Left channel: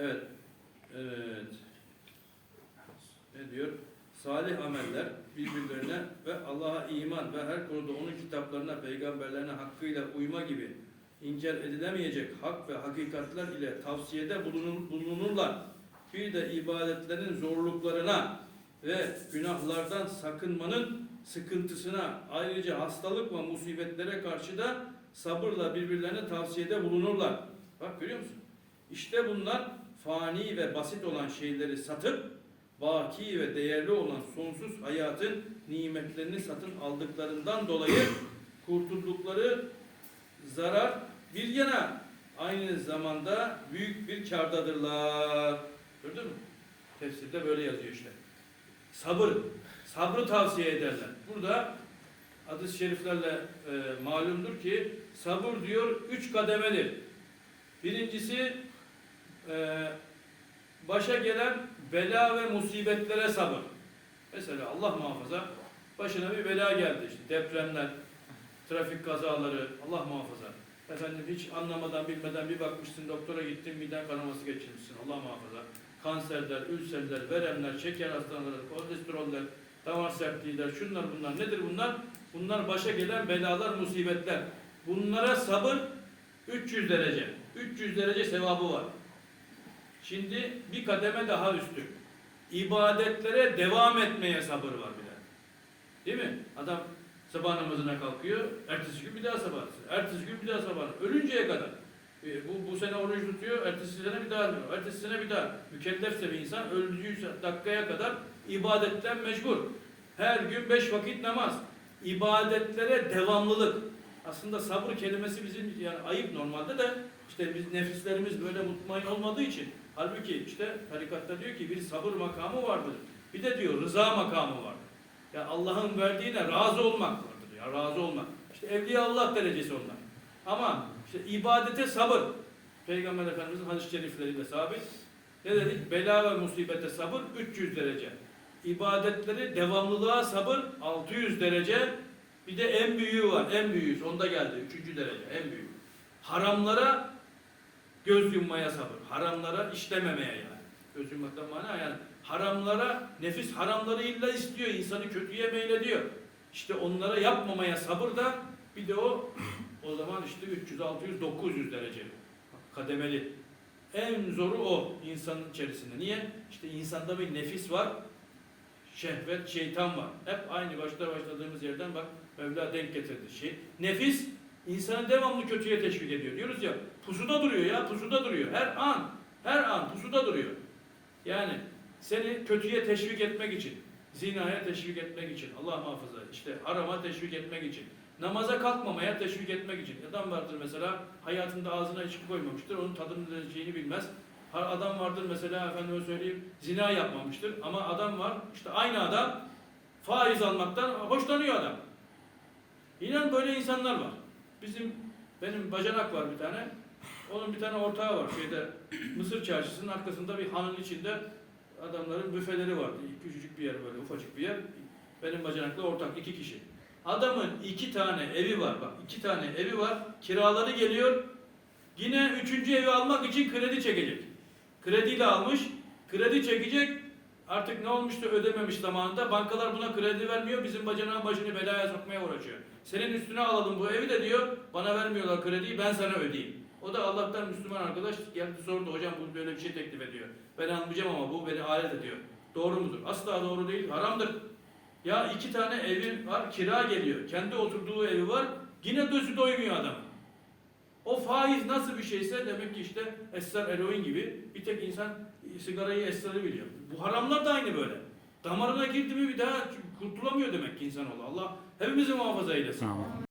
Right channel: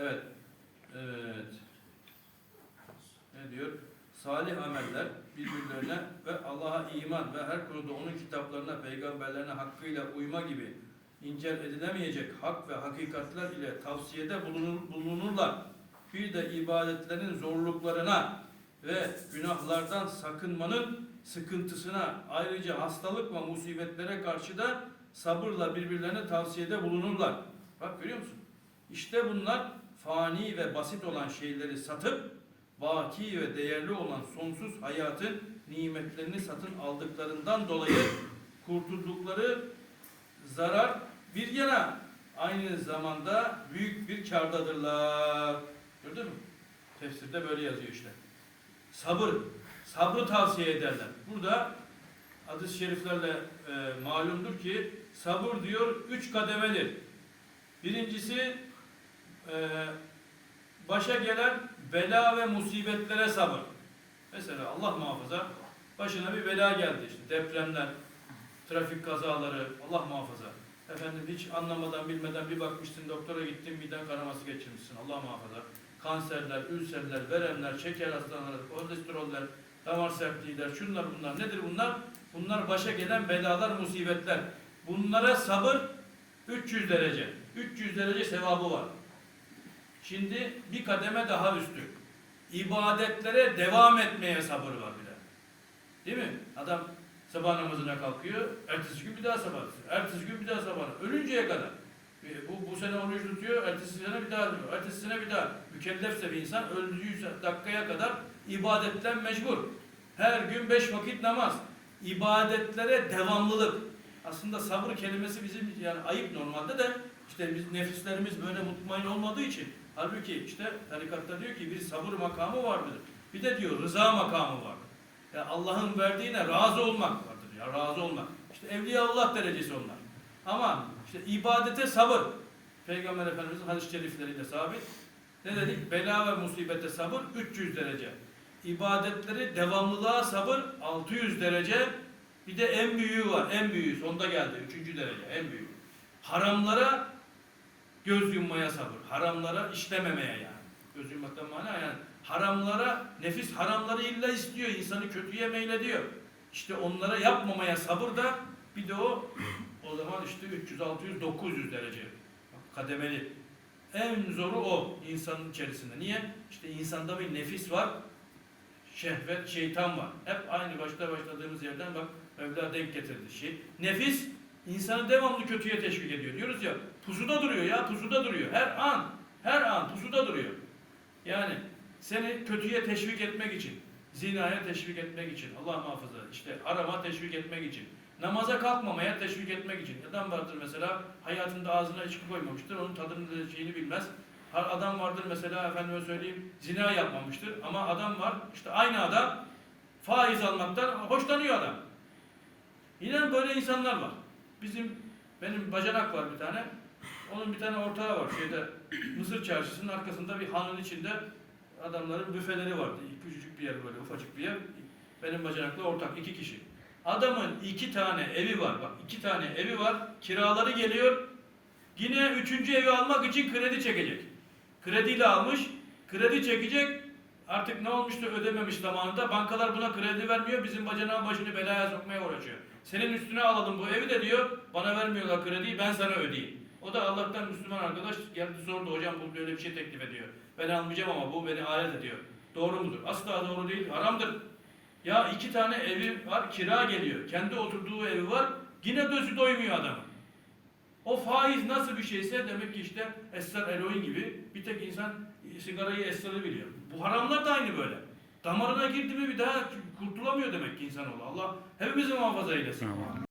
Evet. Evet. Ne diyor? Salih ameller birbirlerine ve Allah'a iman ve her konuda onun kitaplarına, peygamberlerine hakkıyla uyma gibi incel edilemeyecek hak ve hakikatler ile tavsiyede bulunur, bulunurlar. Bir de ibadetlerin zorluklarına ve günahlardan sakınmanın sıkıntısına ayrıca hastalık ve musibetlere karşı da sabırla birbirlerine tavsiyede bulunurlar. Bak görüyor musun? İşte bunlar fani ve basit olan şeyleri satıp baki ve değerli olan sonsuz hayatın nimetlerini satın aldıklarından dolayı kurtuldukları zarar bir yana aynı zamanda büyük bir kârdadırlar. Gördün mü? Tefsirde böyle yazıyor işte. Sabır. Sabrı tavsiye ederler. Burada hadis-i şeriflerle e, malumdur ki sabır diyor üç kademeli. Birincisi başa gelen bela ve musibetlere sabır. Mesela Allah muhafaza başına bir bela geldi işte depremler, trafik kazaları Allah muhafaza. Efendim hiç anlamadan bilmeden bir bakmışsın doktora gittin miden kanaması geçirmişsin Allah muhafaza. Kanserler, ülserler, veremler, şeker hastalıkları, kolesteroller, damar sertliğiler, şunlar bunlar nedir bunlar? Bunlar başa gelen belalar, musibetler. Bunlara sabır 300 derece. 300 derece sevabı var. Şimdi bir kademe daha üstü. İbadetlere devam etmeye sabır var bir de. Değil mi? Adam sabah namazına kalkıyor, ertesi gün bir daha sabah, ertesi gün bir daha sabah, ölünceye kadar. E, Bu, bu sene oruç tutuyor, ertesi sene bir daha tutuyor, ertesi sene bir daha. Mükellefse bir insan öldüğü dakikaya kadar ibadetten mecbur. Her gün beş vakit namaz. İbadetlere devamlılık. Aslında sabır kelimesi bizim yani ayıp normalde de işte biz nefislerimiz böyle mutmain olmadığı için halbuki işte tarikatta diyor ki bir sabır makamı vardır. Bir de diyor rıza makamı vardır. Ya Allah'ın verdiğine razı olmak vardır ya razı olmak. İşte evliya Allah derecesi onlar. Ama işte ibadete sabır. Peygamber Efendimiz'in hadis-i şerifleriyle sabit. Ne dedik? Bela ve musibete sabır 300 derece. İbadetleri devamlılığa sabır 600 derece. Bir de en büyüğü var. En büyüğü sonda geldi. Üçüncü derece. En büyüğü. Haramlara göz yummaya sabır. Haramlara işlememeye yani. Göz yummaktan mana yani haramlara, nefis haramları illa istiyor. insanı kötüye meylediyor. İşte onlara yapmamaya sabır da bir de o o zaman işte 300, 600, 900 derece kademeli. En zoru o insanın içerisinde. Niye? İşte insanda bir nefis var, şehvet, şeytan var. Hep aynı başta başladığımız yerden bak Mevla denk getirdi. Şey, nefis insanı devamlı kötüye teşvik ediyor. Diyoruz ya pusuda duruyor ya pusuda duruyor. Her an, her an pusuda duruyor. Yani seni kötüye teşvik etmek için, zinaya teşvik etmek için, Allah muhafaza, işte harama teşvik etmek için, namaza kalkmamaya teşvik etmek için. Adam vardır mesela hayatında ağzına içki koymamıştır, onun tadını şeyini bilmez. Adam vardır mesela efendime söyleyeyim zina yapmamıştır ama adam var işte aynı adam faiz almaktan hoşlanıyor adam. İnan böyle insanlar var. Bizim benim bacanak var bir tane. Onun bir tane ortağı var şeyde Mısır çarşısının arkasında bir hanın içinde adamların büfeleri vardı. Küçücük bir yer böyle ufacık bir yer. Benim bacanakla ortak iki kişi. Adamın iki tane evi var bak iki tane evi var. Kiraları geliyor. Yine üçüncü evi almak için kredi çekecek. Krediyle almış. Kredi çekecek. Artık ne olmuştu ödememiş zamanında. Bankalar buna kredi vermiyor. Bizim bacanağın başını belaya sokmaya uğraşıyor. Senin üstüne alalım bu evi de diyor. Bana vermiyorlar krediyi ben sana ödeyeyim. O da Allah'tan Müslüman arkadaş geldi sordu hocam bu böyle bir şey teklif ediyor. Ben almayacağım ama bu beni alet ediyor. Doğru mudur? Asla doğru değil. Haramdır. Ya iki tane evi var kira geliyor. Kendi oturduğu evi var. Yine gözü doymuyor adam. O faiz nasıl bir şeyse demek ki işte esrar eroin gibi bir tek insan sigarayı esrarı biliyor. Bu haramlar da aynı böyle. Damarına girdi mi bir daha kurtulamıyor demek ki insanoğlu. Allah hepimizi muhafaza eylesin. Tamam.